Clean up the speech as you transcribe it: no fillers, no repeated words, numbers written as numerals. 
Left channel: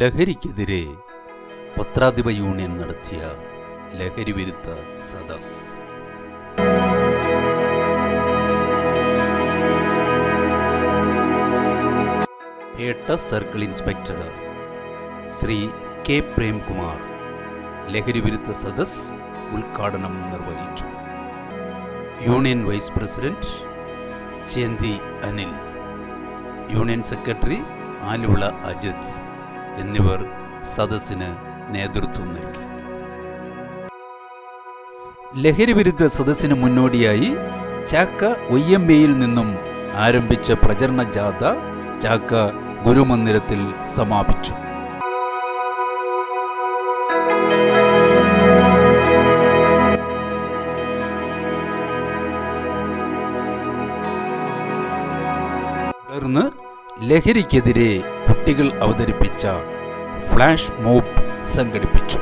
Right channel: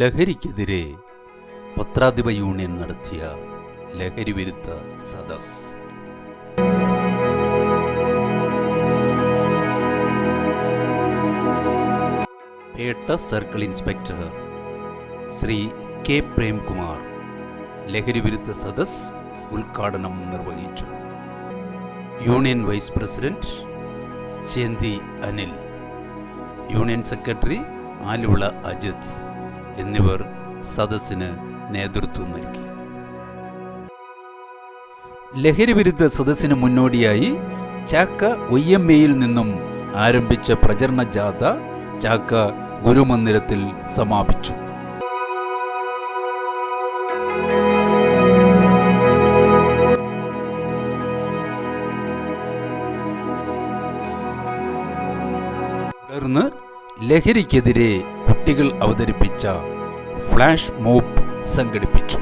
ലഹരിക്കെതിരെ പത്രാധിപ യൂണിയൻ നടത്തിയ ലഹരി വിരുദ്ധ സദസ്. Petta circle inspector Sri K Premkumar ലഹരി വിരുദ്ധ സദസ് ഉദ്ഘാടനം നിർവഹിച്ചു. Union vice president Chenthi Anil, union secretary Aluvala Ajith എന്നിവർ സദസ്സിന് നേതൃത്വം നൽകി. ലഹരി വിരുദ്ധ സദസ്സിന് മുന്നോടിയായി ചാക്ക ഒയ്യമ്മയിൽ നിന്നും ആരംഭിച്ച പ്രചരണ ജാഥ ചാക്ക ഗുരുമന്ദിരത്തിൽ സമാപിച്ചു. തുടർന്ന് ലഹരിക്കെതിരെ കുട്ടികൾ അവതരിപ്പിച്ച ഫ്ലാഷ് മോബ് സംഘടിപ്പിച്ചു.